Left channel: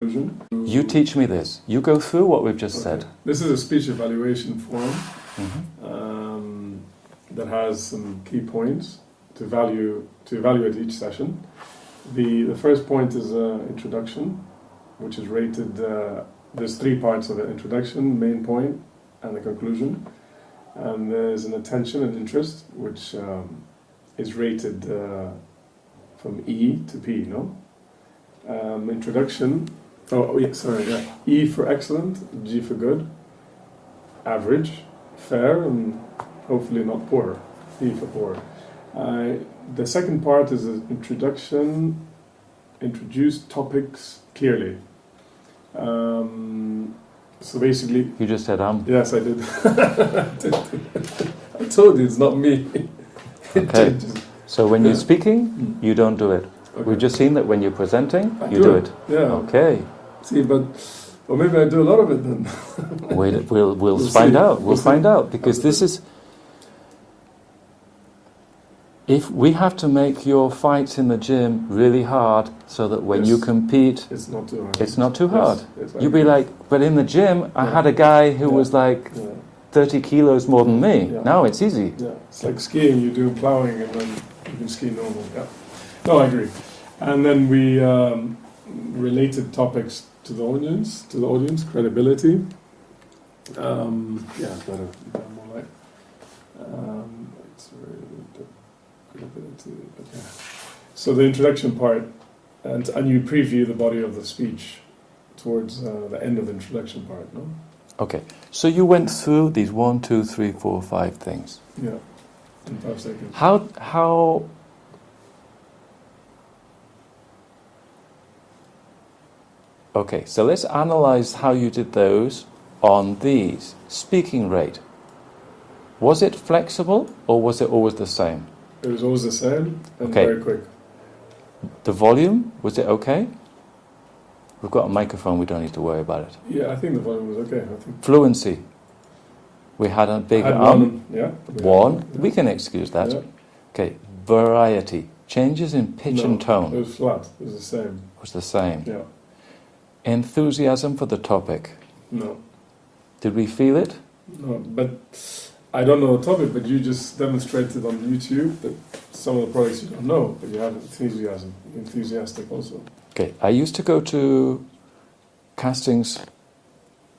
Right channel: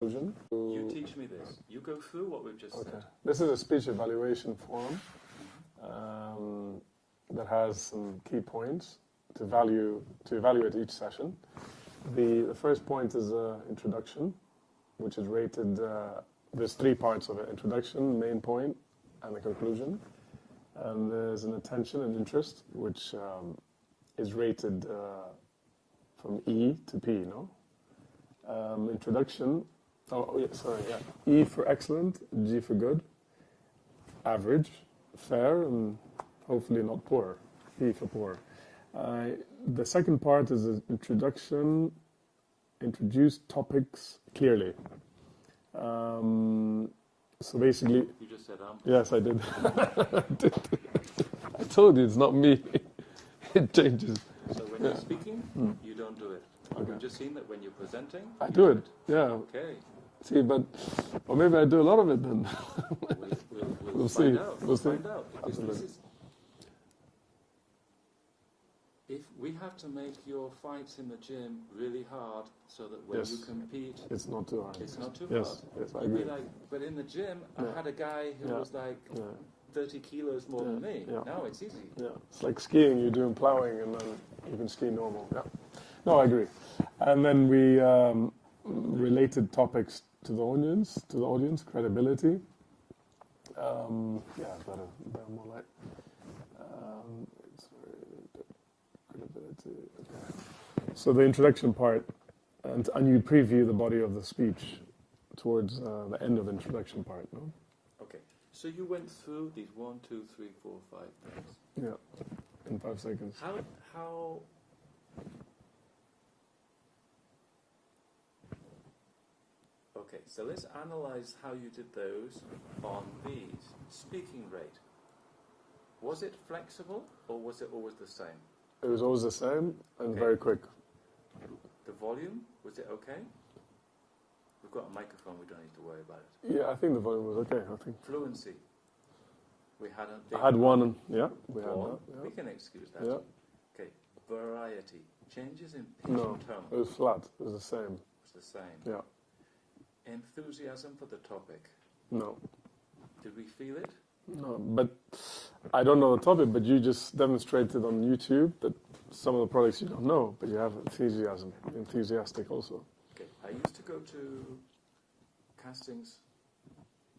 You teach me this. You go through what we've just said. This is a speech evaluation form that has some key points to evaluate each session. The first point is introduction, which is rated. There's three parts of it: introduction, main point, and the conclusion. And there's an attention and interest, which is rated from E to P. Introduction. E for excellent, G for good, average, fair, and hopefully not poor. P for poor. The second part is an introduction. Introduce topics clearly. So basically, you just said Yes, I did. I told you it's not me. Okay. So when you're speaking, you don't do it. Okay. We've just seen that when you're presenting, you do it. Yeah. Okay. See, but maybe I do a lot of it then. We'll find out. We'll find out, because this is. If we have to make your fights in the gym really hard, so that when you compete, it's not too hard. It's not too hard. Yes, You'd be like, but in the gym, I had a guy who was like 30 kilos more than me. Yeah. Now it's easy. Yeah, it's like skiing. You do plowing, and then you can ski normal. Yeah. No, I agree. And then we related topics to the audience. Credibility. Better more like. So the introduction part, and you preview the body of the speech towards the end of the introduction part, no? Okay, so you went through these 1, 2, 3, 4, 5 things. Yeah, in 5 seconds. How? Okay, so let's analyze how you did those on these. Speaking rate. Was it flexible, or was it always the same? It was always the same, and very quick. The volume, was it okay? We've got a microphone, we don't need to worry about it. Yeah, I think the volume was okay. Fluency. We had a big one. We can excuse that. Yeah. Okay. Variety. Changes in pitch and tone. It was flat. It was the same. It was the same. Yeah. Enthusiasm for the topic. No. Did we feel it? No, but I don't know the topic, but you just demonstrated on YouTube that some of the products you don't know, but you have enthusiasm. Enthusiastic also. Okay. I used to go to castings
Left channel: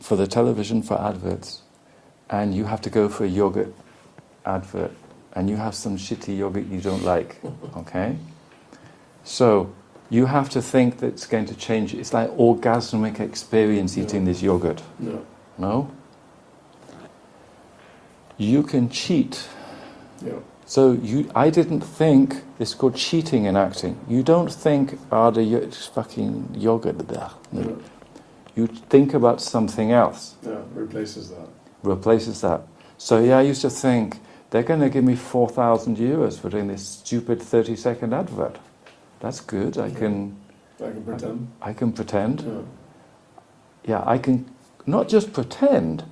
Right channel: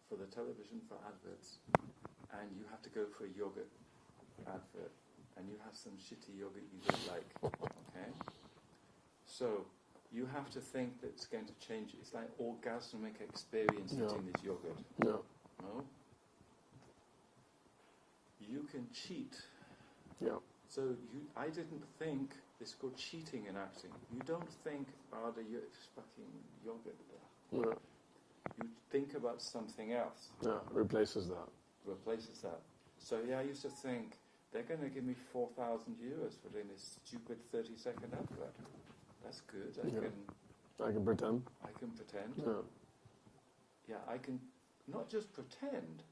for the television for adverts, and you have to go for a yogurt advert, and you have some shitty yogurt you don't like, okay? So you have to think that it's going to change. It's like orgasmic experience eating this yogurt. No. No? You can cheat. Yeah. So I didn't think, this is called cheating in acting. You don't think, it's fucking yogurt there. No. Yeah. You think about something else. Yeah, replaces that. So I used to think, they're going to give me 4,000 euros for doing this stupid 30-second advert. That's good. I can pretend. I can pretend. Yeah. I can not just pretend,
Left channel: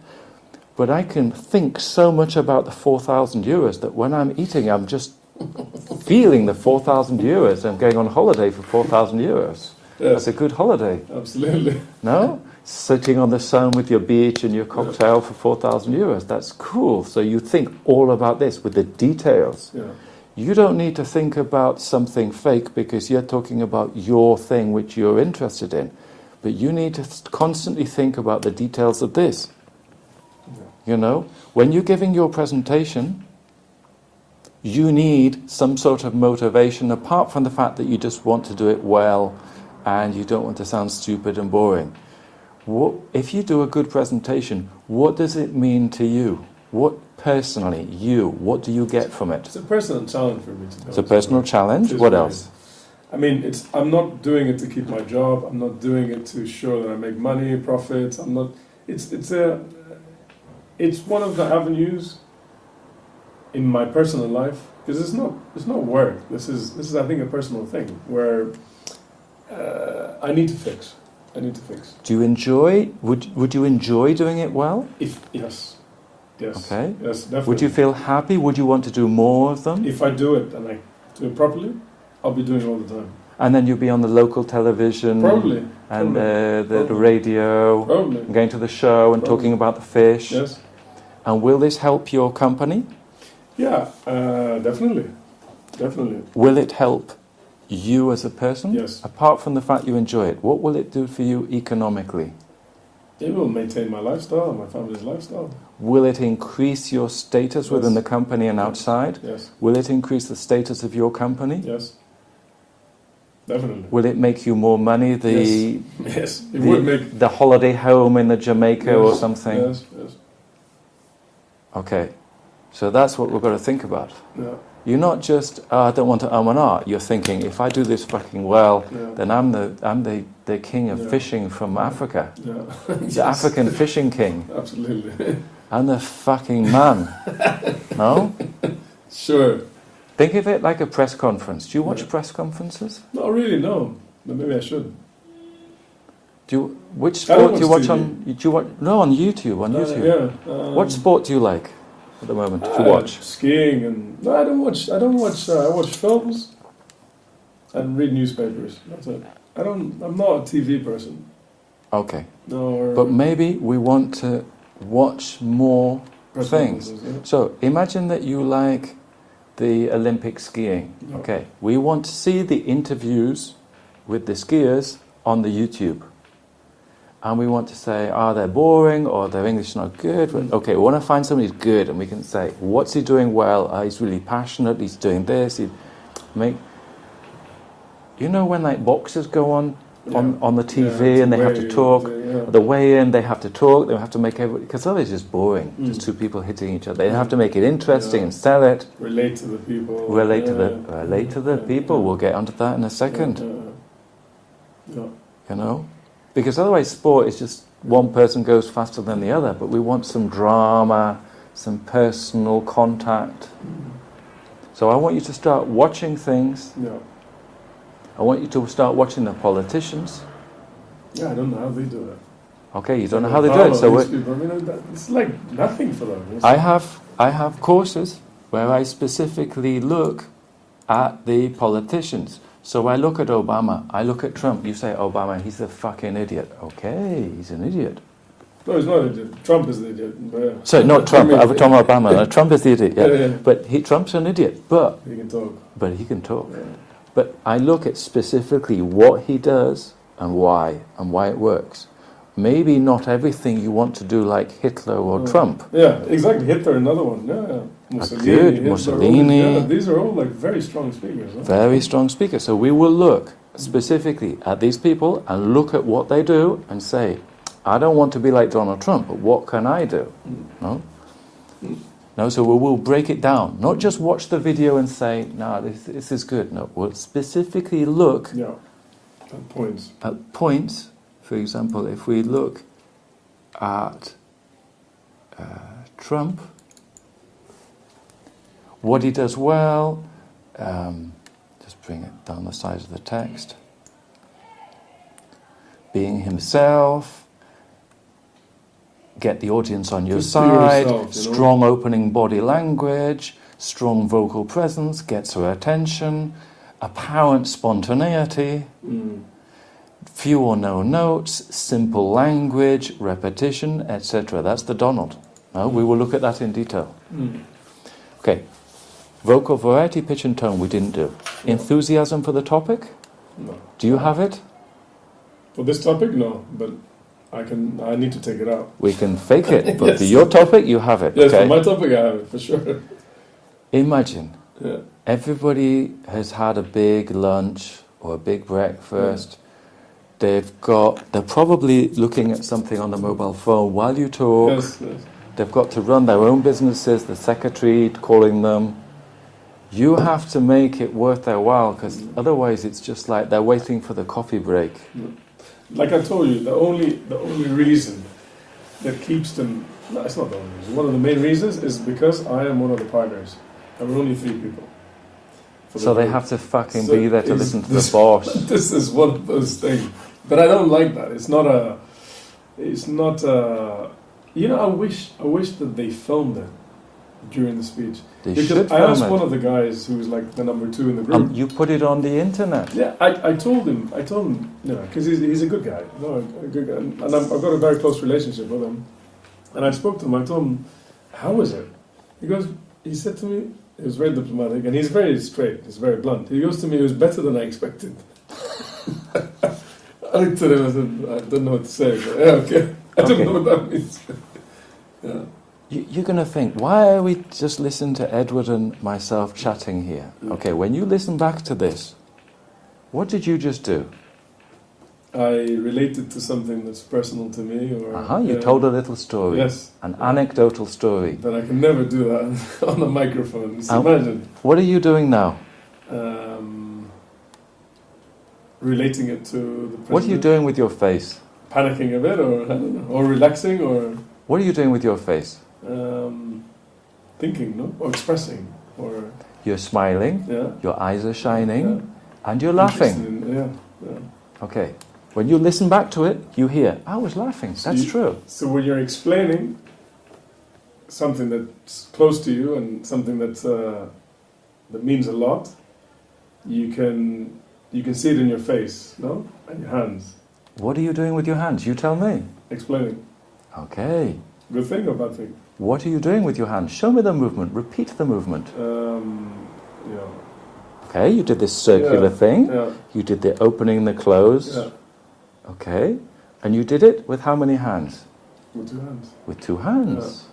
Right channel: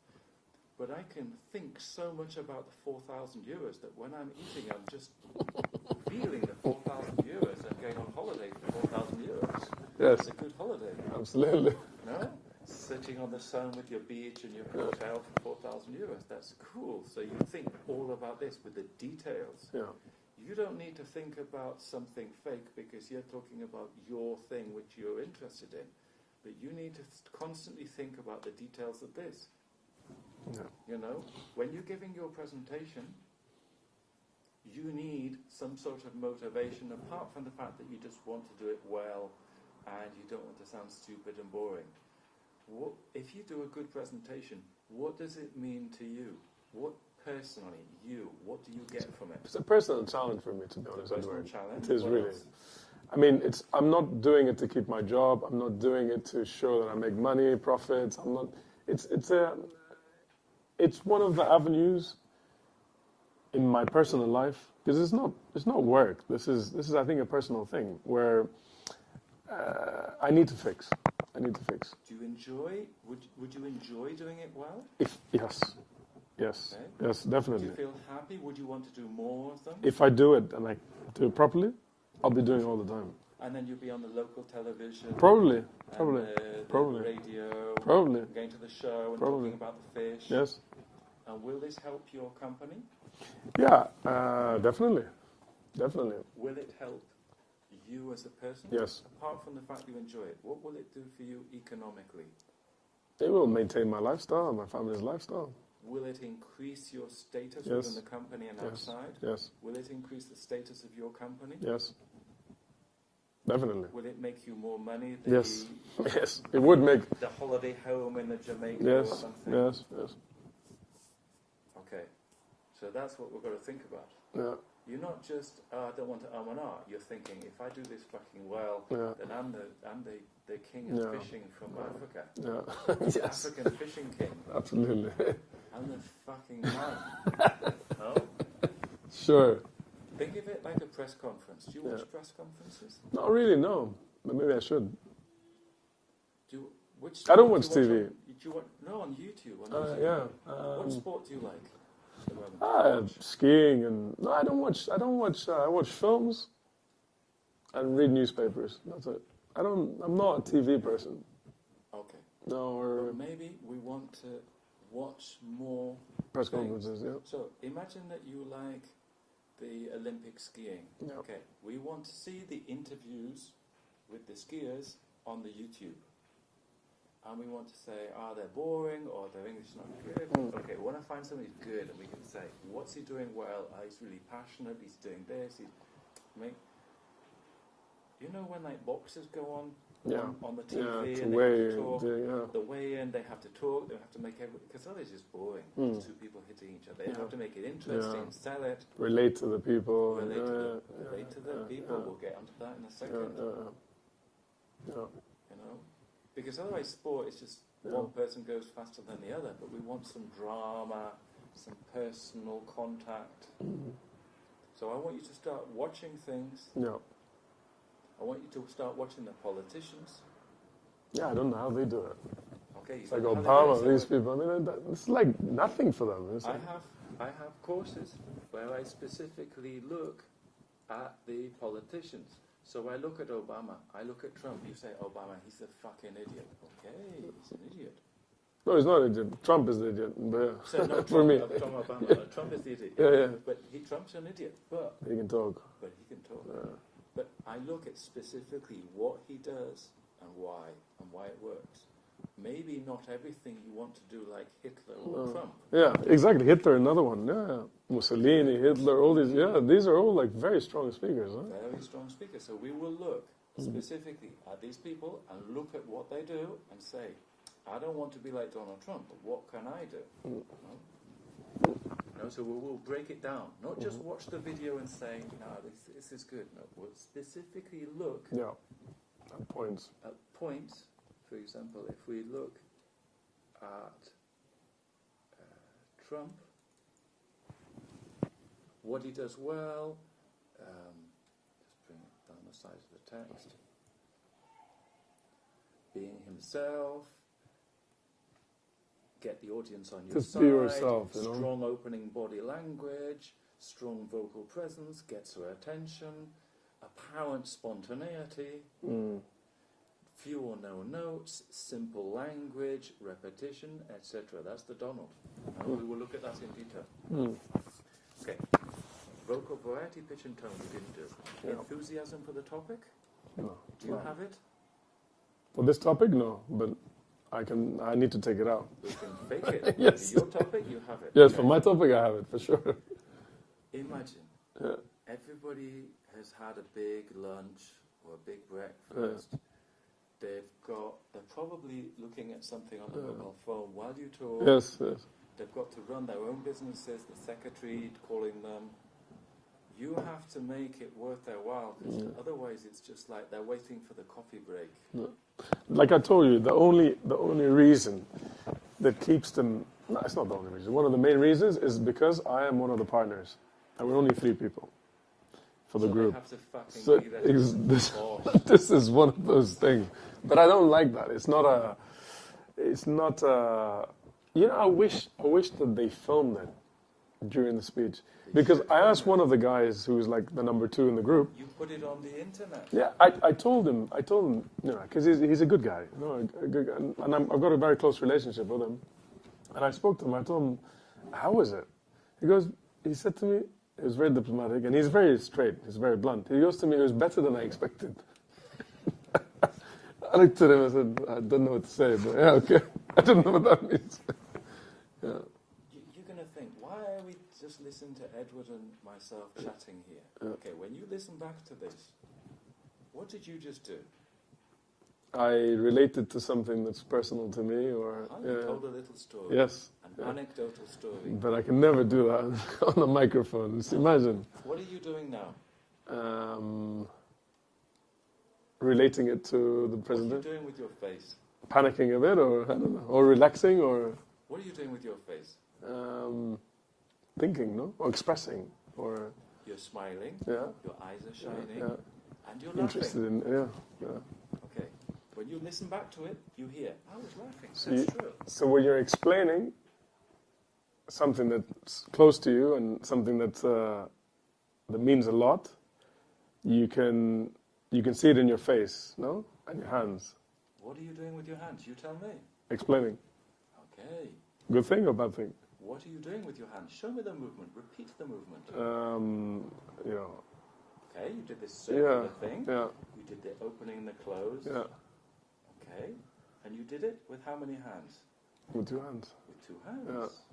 but I can think so much about the 4,000 euros that when I'm eating, I'm just feeling the 4,000 euros and going on holiday for 4,000 euros. Yeah. That's a good holiday. Absolutely. No? Sitting on the sun with your beach and your cocktail for 4,000 euros. That's cool. So you think all about this with the details. Yeah. You don't need to think about something fake because you're talking about your thing which you're interested in. But you need to constantly think about the details of this. Yeah. You know, when you're giving your presentation, you need some sort of motivation apart from the fact that you just want to do it well and you don't want to sound stupid and boring. If you do a good presentation, what does it mean to you? What personally, what do you get from it? It's a personal challenge for me to go. It's a personal challenge. What else? I mean, I'm not doing it to keep my job. I'm not doing it to show that I make money, profits. I'm not. It's one of the avenues in my personal life, because it's not work. This is I think a personal thing where I need to fix. Do you enjoy? Would you enjoy doing it well? Yes. Okay. Yes, definitely. Would you feel happy? Would you want to do more of them? If I do it and I do it properly, I'll be doing it all the time. And then you'll be on the local television. Probably. and Probably. the radio, Probably. and going to the show and Probably. talking about the fish. Yes. And will this help your company? Yeah, definitely. Definitely. Will it help you as a person? Yes. Apart from the fact you enjoy it, what will it do for you economically? It will maintain my lifestyle, my family's lifestyle. Will it increase your status Yes. within the company and outside? Yes. Will it increase the status of your company? Yes. Definitely. Will it make you more money? Yes. It would make. The holiday home in the Jamaica or something? Yes. Yes. Okay. So that's what we've got to think about. Yeah. You're not just, I don't want to and ah. You're thinking, if I do this fucking well, Yeah. then I'm the king of Yeah. fishing from Africa. Yeah. The Yes. African fishing king. Absolutely. I'm the fucking man. No? Sure. Think of it like a press conference. Do you watch Yeah. press conferences? Not really, no. But maybe I should. Which I don't sport do you watch watch on? Do you watch? No, on YouTube. On YouTube. Yeah. What sport do you like at the moment to watch? Skiing and no, I don't watch. I watch films and read newspapers. That's it. I'm not a TV person. Okay, No. but maybe we want to watch more press things. conferences, yeah. So imagine that you like the Olympic skiing. Yeah. Okay, we want to see the interviews with the skiers on the YouTube. And we want to say, they're boring or their English is not good. But, okay, we want to find somebody who's good and we can say, what's he doing well? He's really passionate, he's doing this. You know when like boxers go on the TV and they have to talk, the way in they have to talk, they have to make everybody, because otherwise it's just boring, just two people hitting each other. They have to make it interesting and sell it. Relate to the people. Relate to the people. We'll get onto that in a second. Yeah. You know? Because otherwise sport is just one person goes faster than the other, but we want some drama, some personal contact. So I want you to start watching things. Yeah. I want you to start watching the politicians. Yeah, I don't know how they do it. Okay, you don't know how they do it. So it's like nothing for them. I have courses where I specifically look at the politicians. So I look at Obama, I look at Trump. You say Obama, he's a fucking idiot. Okay, he's an idiot. No, he's not an idiot. Trump is the idiot. But, Sorry, not Trump. I'm talking about Obama. No, Trump is the idiot. Yeah. Yeah. But Trump's an idiot. But he can talk. Yeah. Yeah. But I look at specifically what he does and why it works. Maybe not everything you want to do like Hitler or Trump. Yeah, exactly. Hitler, another one. Yeah. Mussolini. These are all like very strong speakers. Huh? Very strong speakers. So we will look specifically at these people and look at what they do and say, I don't want to be like Donald Trump, but what can I do? No? No, so we will break it down. Not just watch the video and say, no, this is good. No, we'll specifically look at points. For example, if we look at Trump, what he does well, just bring it down the side of the text, being himself, get the audience on your side, strong opening body language, strong vocal presence, gets her attention, apparent spontaneity, few or no notes, simple language, repetition, etc. That's the Donald. No, we will look at that in detail. Okay. Vocal variety, pitch and tone we didn't do. Enthusiasm for the topic? No. Do you have it? For this topic, no, but I need to take it out. We can fake it, but for your topic, you have it. Yes, okay? for my topic, I have it, for sure. Imagine, everybody has had a big lunch or a big breakfast. They're probably looking at something on the mobile phone while you talk. Yes. They've got to run their own businesses, the secretary calling them. You have to make it worth their while, because otherwise it's just like they're waiting for the coffee break. Like I told you, the only reason that keeps them, no, it's not the only reason, one of the main reasons is because I am one of the partners, and we're only 3 people. So they have to fucking be there to listen to the boss. This is one of those things. But I don't like that. It's not a, I wish that they filmed it. during the speech. They Because should I film asked it. one of the guys who was like the number 2 in the group. And you put it on the internet. Yeah, I told him, you know, because he's a good guy, you know, a good guy, and I've got a very close relationship with him. And I spoke to him. I told him, "How was it?" He said to me, he was very diplomatic, and he's very straight. He's very blunt. He goes to me, "It was better than I expected." I looked at him and said, "I don't know what to say." But yeah, okay. I don't know what that means. Yeah. You're going to think, why are we just listening to Edward and myself chatting here? Okay, when you listen back to this, what did you just do? I related to something that's personal to me, or You told a little story. Yes, An anecdotal story. but I can never do that on a microphone. Just imagine. What are you doing now? Relating it to the president. What are you doing with your face? Panicking a bit, or I don't know, or relaxing, or What are you doing with your face? thinking, no, or expressing, or You're smiling, yeah, your eyes are shining, yeah. and you're laughing. Interested in- yeah. Okay. When you listen back to it, you hear, I was laughing. So That's you- true. So when you're explaining something that's close to you and something that means a lot, you can see it in your face, no, and your hands. What are you doing with your hands? You tell me. Explaining. Okay. Good thing or bad thing? What are you doing with your hands? Show me the movement. Repeat the movement. Yeah. Okay, you did this circular thing. Yeah. You did the opening and the close. Yeah. Okay. And you did it with how many hands? With 2 hands. With 2 hands.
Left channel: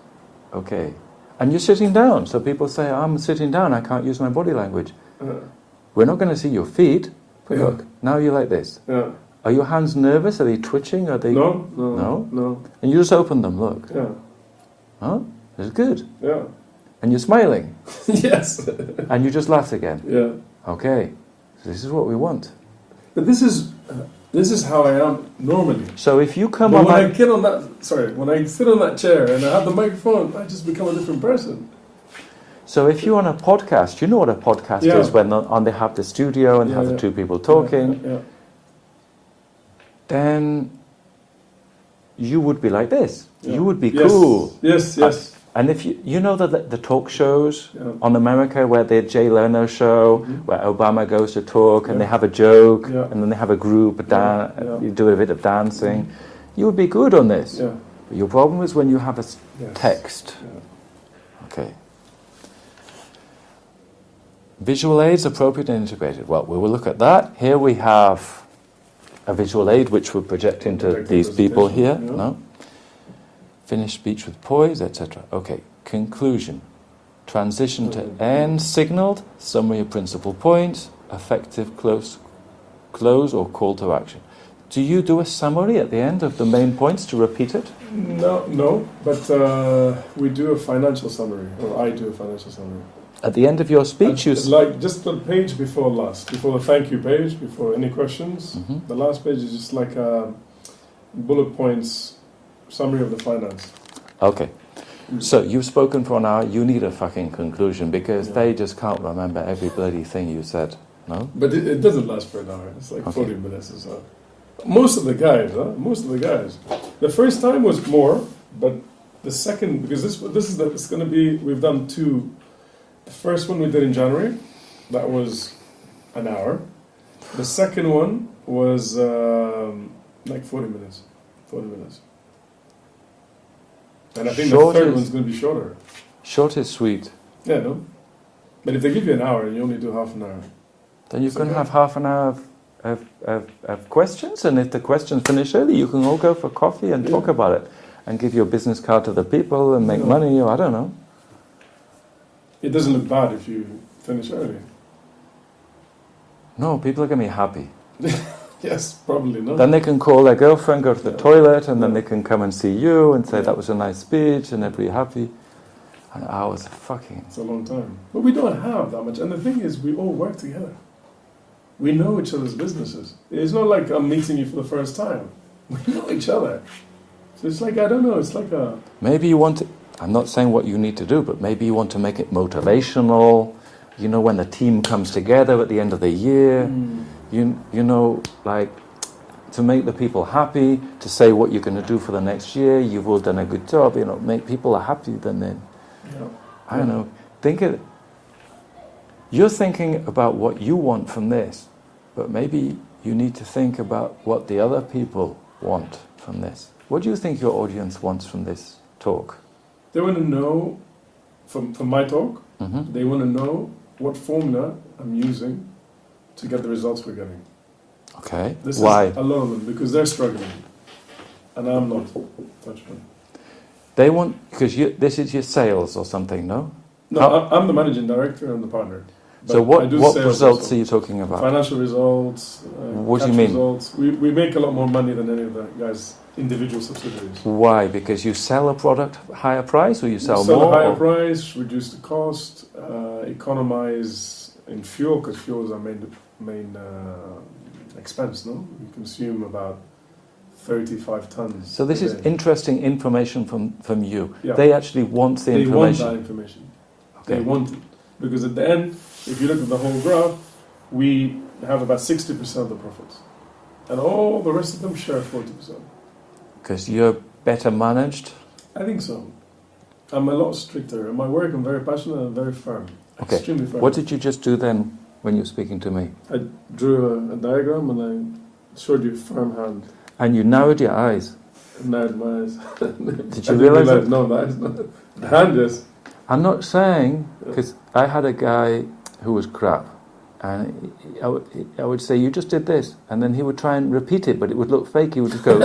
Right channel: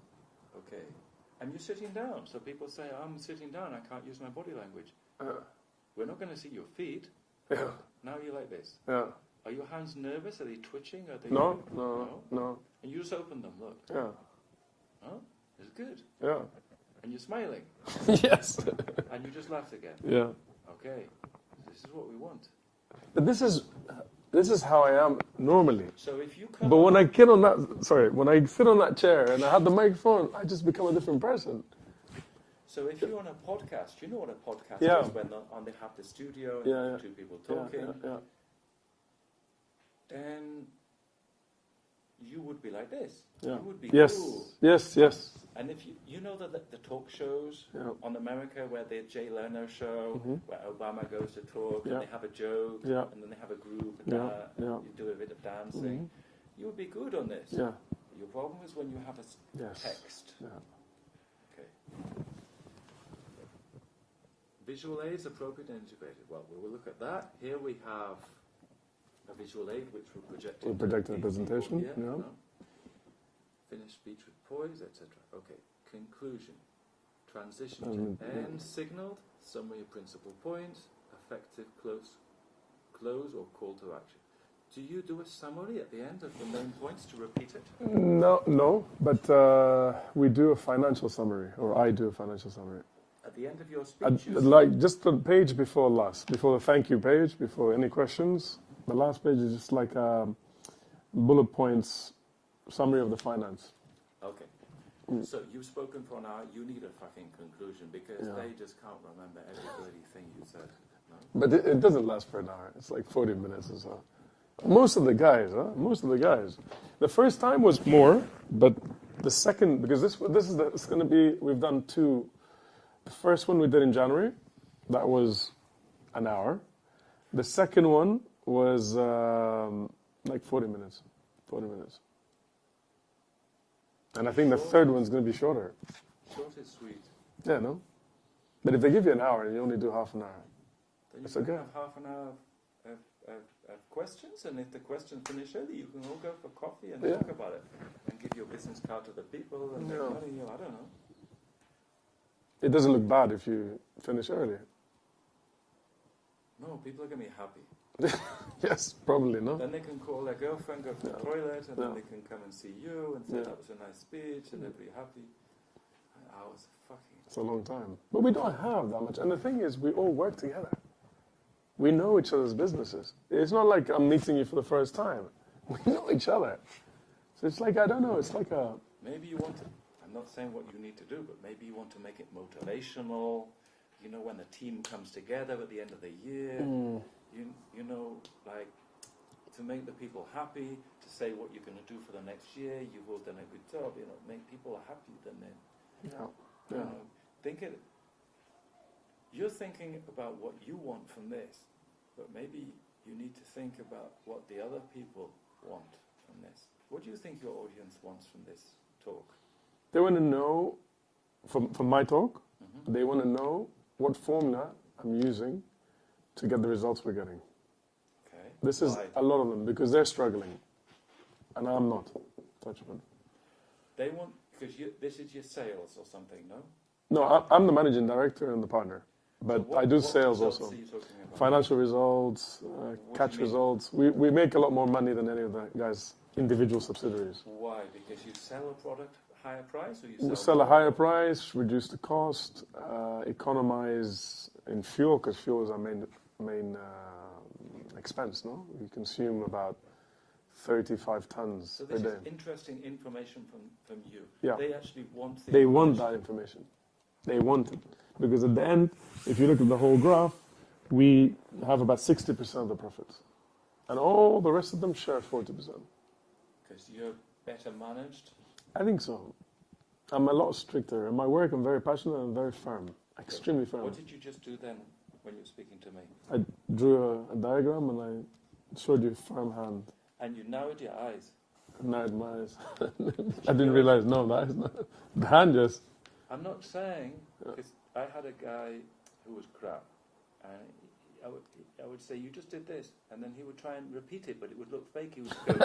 Okay. And you're sitting down. So people say, I'm sitting down, I can't use my body language. We're not going to see your feet. But Yeah. look, now you're like this. Yeah. Are your hands nervous? Are they twitching? Are they... No. And you just open them, look. Yeah. Huh? It's good. Yeah. And you're smiling. Yes. And you just laughed again. Yeah. Okay. So this is what we want. But this is how I am normally. So if you come But on when my... I get on that, when I sit on that chair and I have the microphone, I just become a different person. So if you're on a podcast, you know what a podcast Yeah. is when they have the studio and have the 2 people talking, Yeah. then you would be like this. Yeah. You would be Yes. cool. Yes. And if you know the talk shows Yeah. on America where the Jay Leno show, Mhm. where Obama goes to talk and Yeah. they have a joke Yeah. and then they have a group, Yeah. you do a bit of dancing, you would be good on this. Yeah. But your problem is when you have a Yes. text. Yeah. Okay. Visual aids, appropriate and integrated. Well, we will look at that. Here we have a visual aid which will project into Project the these people here. presentation, yeah. No? Finish speech with poise, etc. Okay. Conclusion. Transition to end signaled. Summary of principal points. Effective close or call to action. Do you do a summary at the end of the main points to repeat it? No, but we do a financial summary, or I do a financial summary. At the end of your speech, you... Like just the page before last, before the thank you page, before any questions. Mhm. The last page is just like a bullet points summary of the finance. Okay. So you've spoken for an hour, you need a fucking conclusion because Yeah. they just can't remember every bloody thing you said, no? But it doesn't last for an hour. It's like Okay. 40 minutes or so. Most of the guys. The first time was more, but the second, because it's going to be, we've done 2. The first one we did in January, that was an hour. The second one was like 40 minutes. 40 minutes. And I think Short the third is- one's going to be shorter. Short is sweet. Yeah, no? But if they give you an hour and you only do half an hour. Then you It's can okay. have half an hour of questions, and if the questions finish early, you can all go for coffee and Yeah. talk about it and give your business card to the people and make Yeah. money, or I don't know. It doesn't look bad if you finish early. No, people are going to be happy. Yes, probably not. Then they can call their girlfriend, go to the Yeah. toilet, and then Yeah. they can come and see you and say Yeah. that was a nice speech, and they'll be happy. An hour's fucking... It's a long time. But we don't have that much. And the thing is, we all work together. We know each other's businesses. It's not like I'm meeting you for the first time. We know each other. So it's like, I don't know, it's like a... Maybe you want to, I'm not saying what you need to do, but maybe you want to make it motivational. You know, when the team comes together at the end of the year, you know, like to make the people happy, to say what you're going to do for the next year. You've all done a good job. You know, make people happy. Then Yeah. I don't know. You're thinking about what you want from this, but maybe you need to think about what the other people want from this. What do you think your audience wants from this talk? They want to know, from my talk, Mm-hmm. they want to know what formula I'm using to get the results we're getting. Okay. This Why? is a lot of them, because they're struggling, and I'm not. They want, because this is your sales or something, no? No, I'm the managing director and the partner. So But I do what sales results also. are you talking about? Financial results, What do you cash mean? results. We make a lot more money than any of the guys' individual subsidiaries. Why? Because you sell a product higher price, or you sell Sell more? a higher or- price, reduce the cost, economize in fuel, because fuel is our main expense. No, we consume about 35 tons. So this a is day. interesting information from you. Yeah. They actually want the They want information. that information. Okay. They want it. Because at the end, if you look at the whole graph, we have about 60% of the profits. And all the rest of them share 40%. Because you're better managed. I think so. I'm a lot stricter. In my work, I'm very passionate and very firm. Okay. Extremely firm. What did you just do then when you were speaking to me? I drew a diagram and I showed you firm hand. And you narrowed your eyes. Narrowed my eyes. Did I you didn't realise that? No, the eyes. The hand, yes. I'm not saying, because I had a guy who was crap, and I would say, you just did this, and then he would try and repeat it, but it would look fake. He would just go,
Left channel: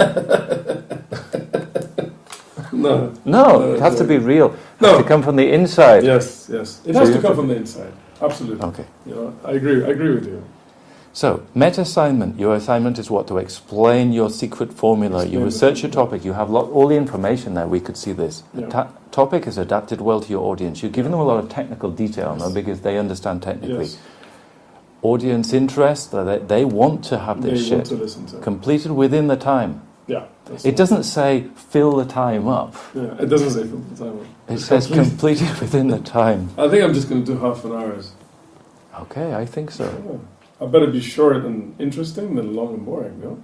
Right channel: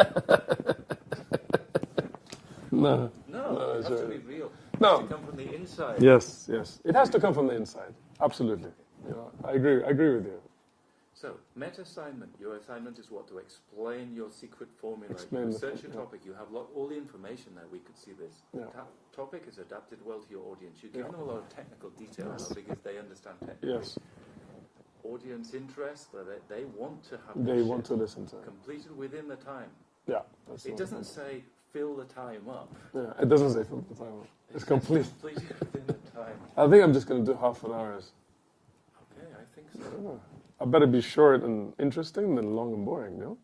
no, it has to be real. It has to come from the inside. Yes, yes. It So has you to have come from the inside. Absolutely. Okay. You know, I agree with you. So, meta assignment. Your assignment is what? To explain your secret formula. Explain You the research your formula. topic. You have all the information there. We could see this. The Yeah. topic is adapted well to your audience. You've given them a lot of technical detail now because they understand technically. Yes. Audience interest. They want to have They this want shit to listen to it. completed within the time. Yeah. that's It doesn't say fill the time up. Yeah, it doesn't say fill the time. It It's says complete. completed within the time. I think I'm just going to do half an hour. Okay, I think so. Yeah. I better be short and interesting than long and boring, you know?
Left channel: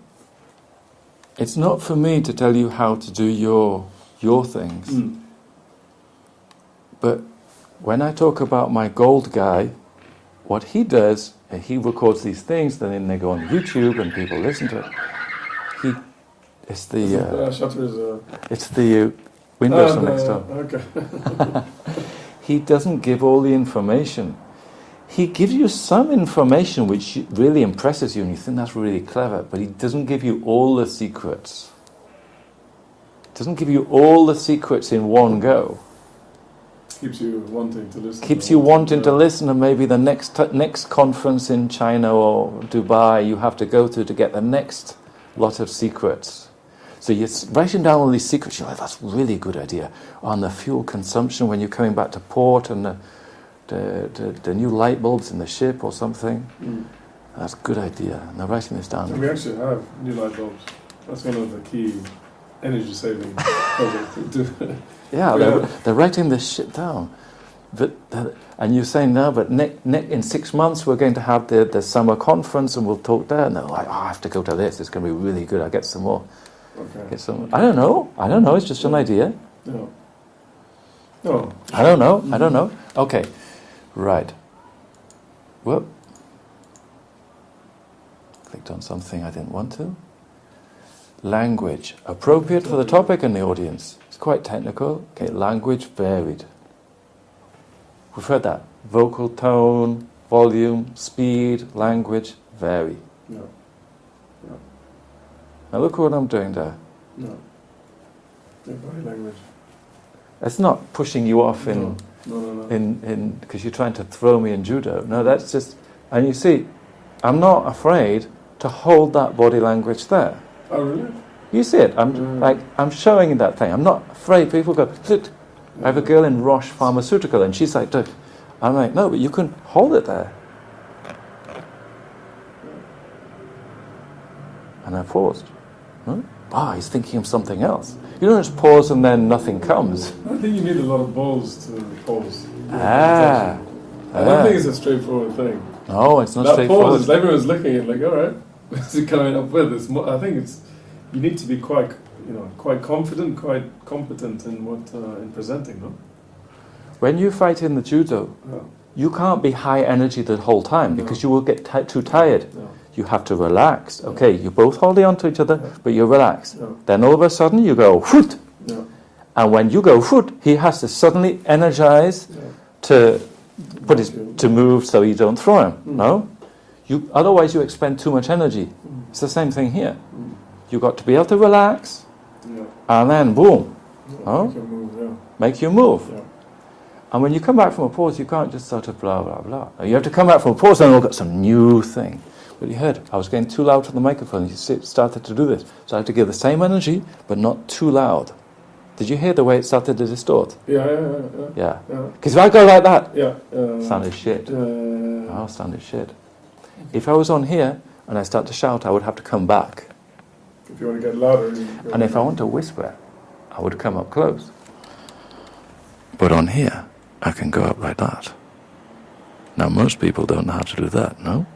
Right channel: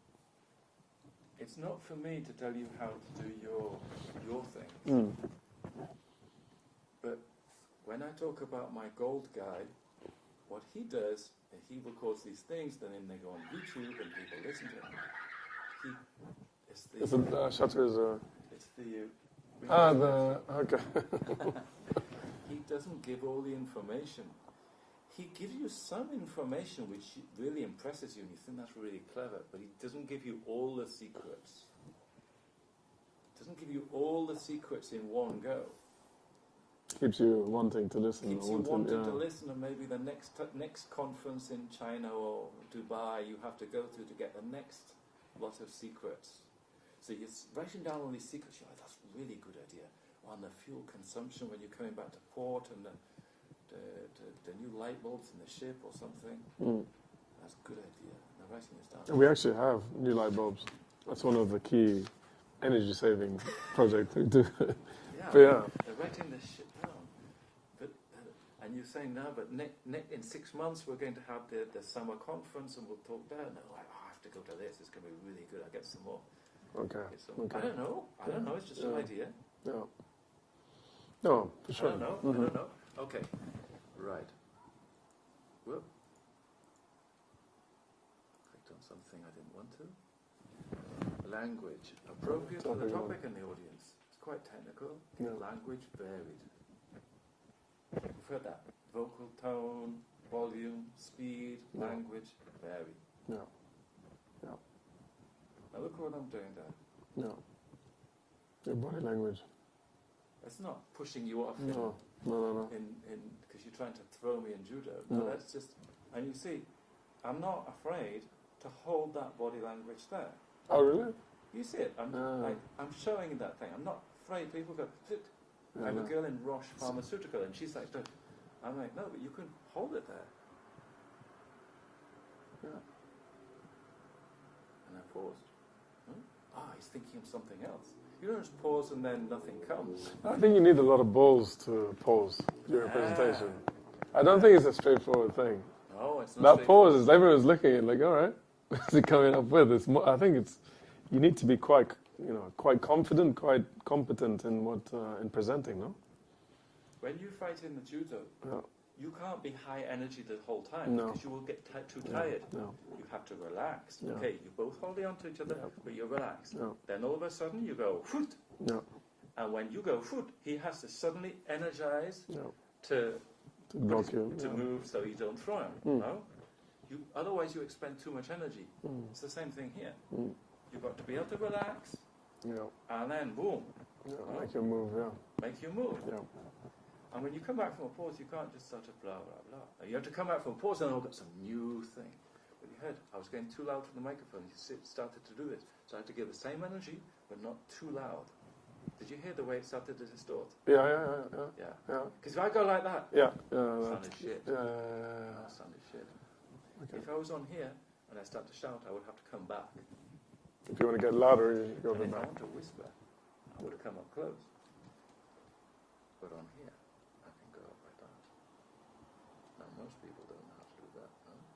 It's not for me to tell you how to do your things. But when I talk about my gold guy, what he does, he records these things, then they go on YouTube and people listen to it. It's the Shutter is it's the Windows on next door. Okay. He doesn't give all the information. He gives you some information which really impresses you and you think that's really clever, but he doesn't give you all the secrets. Doesn't give you all the secrets in one go. Keeps you wanting to listen. Keeps you wanting to listen, and maybe the next conference in China or Dubai you have to go to get the next lot of secrets. So you're writing down all these secrets. You're like, that's a really good idea. On the fuel consumption when you're coming back to port, and the new light bulbs in the ship or something. That's a good idea. And they're writing this down. We actually have new light bulbs. That's one of the key energy saving projects we do. Yeah, they're writing this shit down. And you're saying, no, but in 6 months we're going to have the summer conference and we'll talk there. And they're like, I have to go to this. It's going to be really good. I'll get some more. Okay. Get some. I don't know. It's just an idea. No. Oh. I don't know. Okay. Right. Whoop. Clicked on something I didn't want to. Language. Appropriate for the topic and the audience. It's quite technical. Okay, language varied. We've heard that. Vocal tone, volume, speed, language vary. Yeah. Now look what I'm doing there. Yeah. Yeah, body language. It's not pushing you off No. in because you're trying to throw me in judo. No, that's just, and you see, I'm not afraid to hold that body language there. Oh, really? You see it. I'm showing you that thing. I'm not afraid. People go, look. I have a girl in Roche Pharmaceutical, and she's like, look. I'm like, no, but you can hold it there. And I paused. He's thinking of something else. You don't just pause and then nothing comes. I think you need a lot of balls to pause. Ah. I don't think it's a straightforward thing. No, it's not that straightforward. pause, everyone's looking at it like, all right, what's it coming up with? I think you need to be quite confident, quite competent in in presenting, no? When you fight in the judo, you can't be high energy the whole time because you will get too tired. You have to relax. Okay, you're both holding on to each other, but you're relaxed. Then all of a sudden you go, whoot! And when you go, whoot, he has to suddenly energize to to move so you don't throw him. No? Otherwise you expend too much energy. It's the same thing here. You've got to be able to relax, and then boom. Make you move. And when you come back from a pause, you can't just sort of blah, blah, blah. You have to come back from a pause and look at some new thing. But you heard, I was getting too loud to the microphone. You started to do this. So I had to give the same energy, but not too loud. Did you hear the way it started to distort? Yeah. Because if I go like that, sounded shit. Sounded shit. If I was on here and I start to shout, I would have to come back. If you want to get louder. And if I want to whisper, I would come up close. But on here, I can go up like that. Now, most people don't know how to do that, no?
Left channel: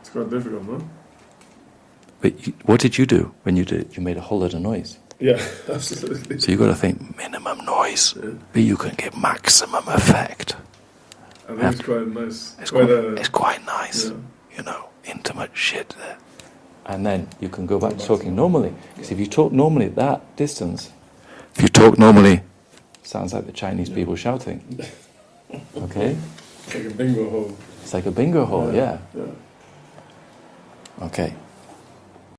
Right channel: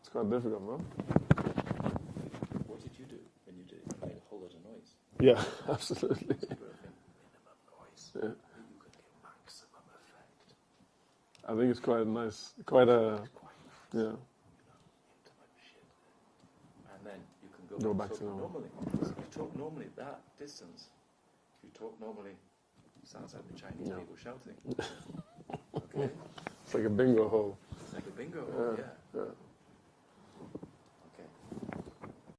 It's quite difficult, no? But what did you do when you did it? You made a whole lot of noise. Yeah, absolutely. So you've got to think minimum noise, but you can get maximum effect. I think it's quite nice. It's quite nice, you know, intimate shit there. And then you can go back to talking normally. Because if you talk normally at that distance, if you talk normally, sounds like the Chinese people shouting. Okay? It's like a bingo hall. It's like a bingo hall, yeah. Okay.